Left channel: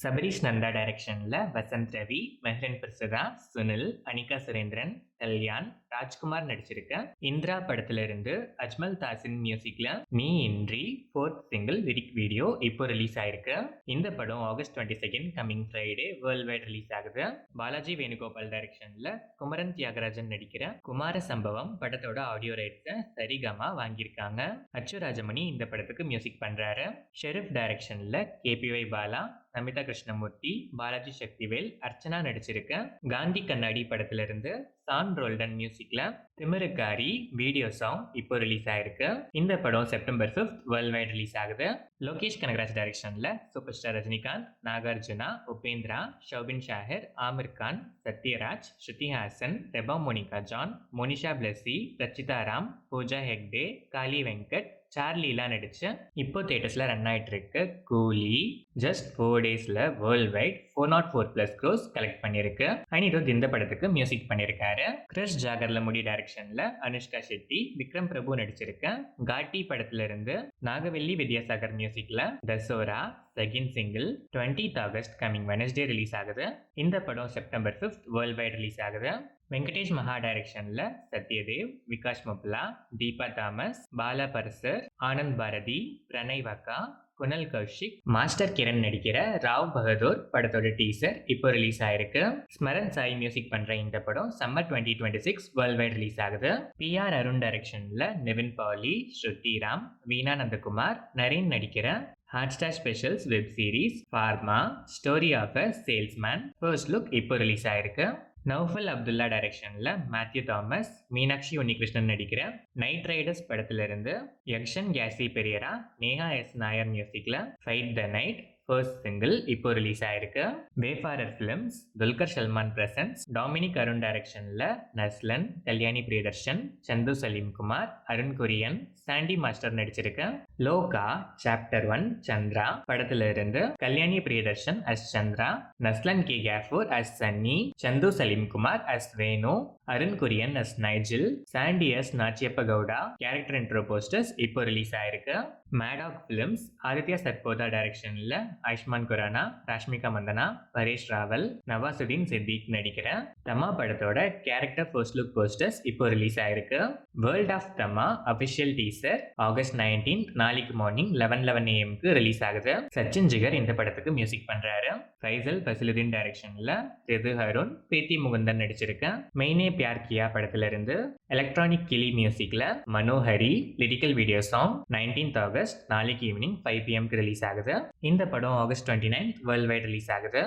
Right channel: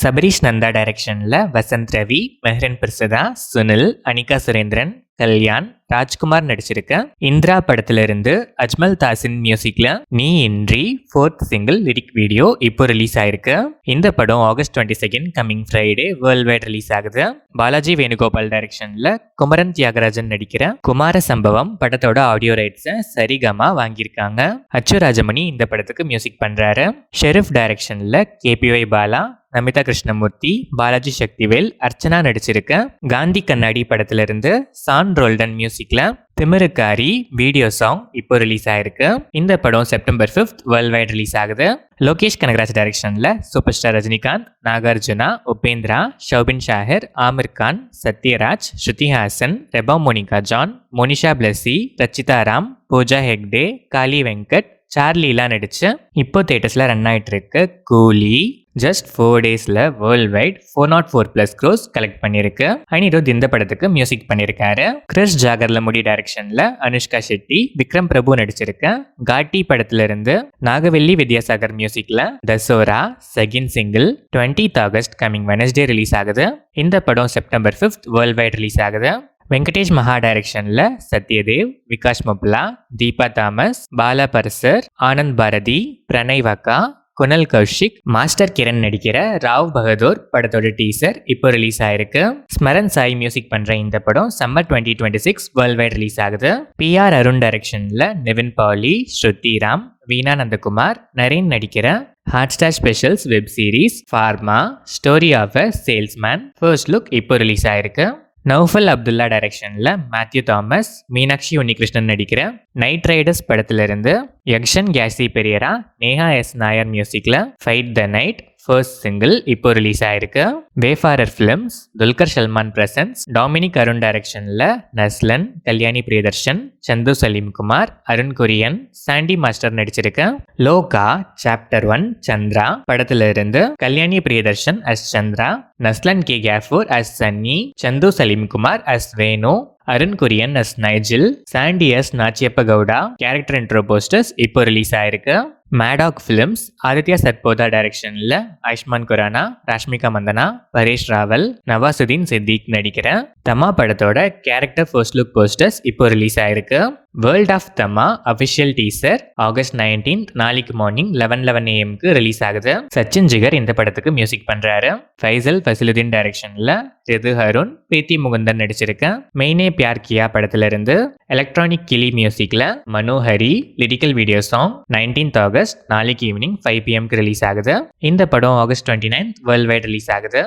சபரீஷ் நந்தா டைரக்ஷனில் வசந்த் ரவி, மெஹ்ரன் பிரசதா, சுனில், அனிகா சுரேந்திரன், கல்யாண், ராஜ்குமார் நடிச்சிருக்க இந்திரா படத்துல இருந்து அஜ்மல் தாசின் மியூசிக்ல நீ இன்றி ஃபோர்த் சிங்கிள் லிரிக் வீடியோ இப்போ ரிலீஸ் ஆயிருக்கு. இந்த படம் August 22 coming Friday world wide release ஆகுது. பாலாஜி வேணுகோபால் டைரக்ஷன்ல குமரன் தியாகராஜன் நடிக்கிற குமார சம்பவம் படத்தோட ஆடியோ ரைட்ஸை சரிகமா வாங்கியிருக்காங்க. அச்சு ராஜமணி இந்த படத்துக்கு மியூசிக் பண்றாரு. ஷெரீஃப் டைரக்ஷன்ல கேபிஒய் பாலா, நமிதா கிருஷ்ணமூர்த்தி, பாலாஜி சக்திவேல், அர்ச்சனா நடிச்சிருக்க காந்தி கண்ணாடி படத்துல இருந்து சான் ரோல்டன் மியூசிக்ல திமிருக்காரி வீடியோ சாங் இப்போ ரிலீஸ் ஆயிருக்கு. இந்த படம் செப்டம்பர் 5 வேர்ல்ட் வைட் ரிலீஸ் ஆகுது. லோகேஷ் கனகராஜ் டைரக்ஷன்ல super star Rajinikanth, Nagarjuna, Upendra, Soubin Shahir, Aamir Khan, Sathyaraj, Shruti Haasan, Reba Monica John, Monisha Blessy, Rachitha Ram, Pooja Hegde, காளி வெங்கட், சார்லிலாம் நடிச்சு இப்போ தேட்டர்ஸ்ல ரன் ஆயிட்டு இருக்கு கூலி ஜஸ்ட் 4 டேஸ்ல வேர்ல்ட் வைட் 404+ க்ரோஸ் கலெக்ட் பண்ணிருக்கு. அனிருத் இந்த படத்துக்கு மியூசிக் பண்ணியிருக்காரு. கிறிஸ் ஜாகர்ல முடி டைரக்ஷன்ல அனுஷ்கா ஷெட்டி, விக்ரம் பிரபு நடிச்சிருக்க காட்டி படத்துல இருந்து நாகவெல்லி வித்யாசாகர் மியூசிக்ல தசோரா second single 20th August coming Wednesday release ஆகுது. இந்த படம் செப்டம்பர் 5 வேர்ல்ட் வைட் ரிலீஸ் ஆகுது. வெங்கடேஷ் மகா டைரக்ஷன்ல சத்யதேவ், விகாஷ் மொப்லா, தீபா தாமஸ், பாலா பர்சர், ஆனந்த் பாரதி, பிரணய் வக்கா, குணல் கௌஷிக், மாஸ்டர் கிரண் நடிக்கிற ராவ் பகதூர் படத்தோட டீசர் இப்போ ரிலீஸ் ஆயிருக்கு. ஸ்மரன் சாய் மியூசிக் பண்ற இந்த படம் சம்மர் 2026 வேர்ல்ட் வைட் ரிலீஸ் ஆகுது. PR அருண் டைரக்ஷன்ல நிவின் பாலி, ஸ்ருதி ராம், வீணா நந்தகுமார், நரேன் நடிக்கிற Hotstar specials web series Pharma story of a salesman first look இப்போ ரிலீஸ் ஆயிருக்கு. நௌஃபல் அப்துல்லா டைரக்ஷன்ல மேத்யூ தாமஸ், மீனாட்சி உன்னிகிருஷ்ணன் நடிக்கிற நைட் ரைடர்ஸ் படத்துல இருந்து யக்ஷன் கேசி பெரியரா, நேஹா எஸ் நாயர் மியூசிக்ல fight the night first single இப்போ ரிலீஸ் ஆயிருக்கு. Wayfarer Films, Dulquer Salmaan presents, Dominic Arun டைரக்ஷன்ல நஸ்லன், கல்யாணி பிரியதர்ஷன், சந்து சலீம்குமார், அருண் குரியன், சாண்டி மாஸ்டர் நடிச்சிருக்க லோகா சாப்டர் 1 சந்திரா படத்துல இருந்து Kalyani Priyadarshan as Chandra, Naslen K Gafoor as Sunny, Chandu Salimkumar as Venu, Arun Kurian as Nigel, Sandy as Nachiappa Gowda character intro posters இப்போ ரிலீஸ் ஆயிருக்கு. மேடாக் ஃபிலிம்ஸ், ஆதித்யா சத்போதா டைரக்ஷன்ல ஆயுஷ்மான் குரானா, ராஷ்மிகா மந்தனா, பரேஷ் ராவல், நவாசுதீன் சித்திக் நடிக்கிற தமா படத்தோட கேரக்டர் ஃபர்ஸ்ட் லுக் போஸ்டர்ஸ் இப்போ ரிலீஸ் ஆயிருக்கு. World of Thamma official teaser August 19 நாளைக்கு மார்னிங் 11:11 AM ரிலீஸ் ஆகுது. சச்சின் ஜிகர் இந்த படத்துக்கு மியூசிக் பண்றாரு. ஃபைசல் ஃபசிலுதீன் டைரக்ஷன்ல ரிது அருண், பிரீத்தி முகுந்தன் நடிச்சிருக்க மெய்னே பியார் கியா படத்துல இருந்து எலக்ட்ரானிக் கிளி மியூசிக்ல Manohari lyrical video song 19th August நாளைக்கு ஈவினிங் 5 PM ரிலீஸ் ஆகுது. இந்த படம் ஆகஸ்ட் 29 வேர்ல்ட் வைட் ரிலீஸ் ஆகுது.